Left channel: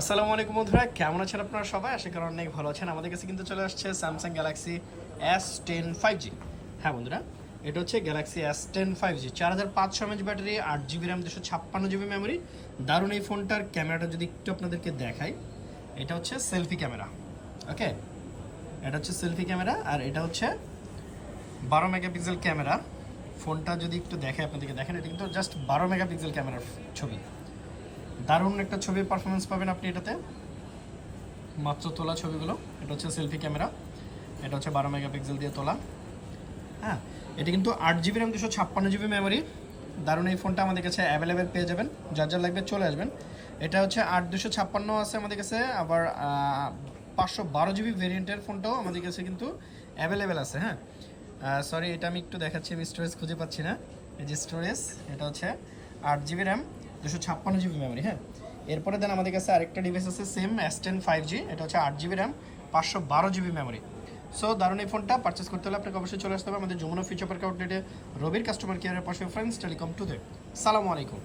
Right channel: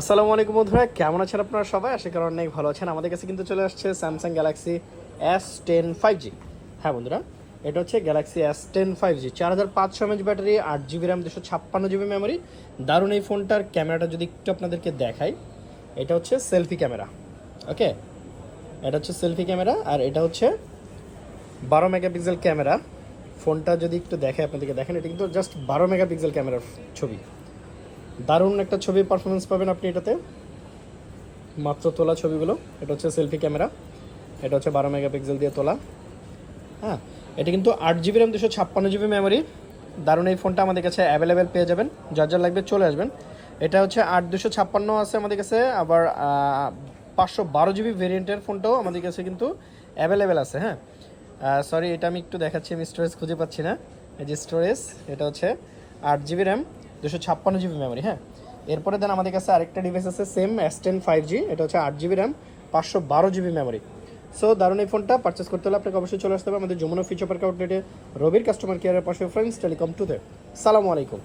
আসসালামু আলাইকুম বন্ধুরা, কেমন আছেন আপনারা সবাই? আশা করি অনেক ভালো আছেন। আমাদের কাছে কিন্তু চলে আসছে স্যামসাং গ্যালাক্সি S10 5G। হ্যাঁ বন্ধুরা, এটা হচ্ছে Galaxy S10 5G, 4500 mAh battery, 8GB RAM, 256GB memory. দারুণ এই ফোনটার ক্যামেরাটা যদি একটু আপনাদেরকে দেখাই, এটা হচ্ছে সেলফি ক্যামেরা। ওকে, এটা হচ্ছে সেলফি ক্যামেরা আর এটা হচ্ছে 12 মেগাপিক্সেল ক্যামেরা। ফোনটা যদি একটু দেখাই আপনাদেরকে, দেখেন এটা কিন্তু জাস্ট 12 মেগাপিক্সেল ক্যামেরার ছবি। দারুণ একটা ছবি পারফরমেন্স পাবেন আপনি এটাতে, মাত্র তোলা ছবিগুলো। এটা হচ্ছে সেলফি ক্যামেরা, এটা হচ্ছে 12 মেগাপিক্সেল দিয়ে তোলা। হ্যাঁ, এটা কিন্তু 8GB র্যাম, 256GB মেমোরি। দারুণ এই ফোনটা আমাদের কাছে অ্যাভেলেবেল পেয়ে যাবেন, যার যার লাগবে চলে আসবেন। এটা হচ্ছে 8 256 আছে আমাদের কাছে, আবার 512GB ভেরিয়েন্টের ফোনটাও আমাদের কাছে কিন্তু অ্যাভেলেবেল আছে। হ্যাঁ, সরি, এটা আমি একটু দেখাচ্ছি, আমি স্টোরেজ খুঁজে পাচ্ছি না। এই যে স্টোরেজ, এটা হচ্ছে 8GB র্যাম, 256GB মেমোরি। হ্যাঁ, এরপরে দেন আমাদের কাছে আরেকটা ডিভাইস আছে সেম S10 5G, এটা হচ্ছে 8GB RAM, 512GB memory. So দারুণ এই ফোনটা পারচেস করতে হলে আপনাকে অবশ্যই চলে আসতে হবে আমাদের যমুনা ফিউচার পার্ক আউটলেটে, রবির কাস্টমার কেয়ারের পাশে, ফ্রেন্ডস টেলিকম টুতে। সালামু আলাইকুম।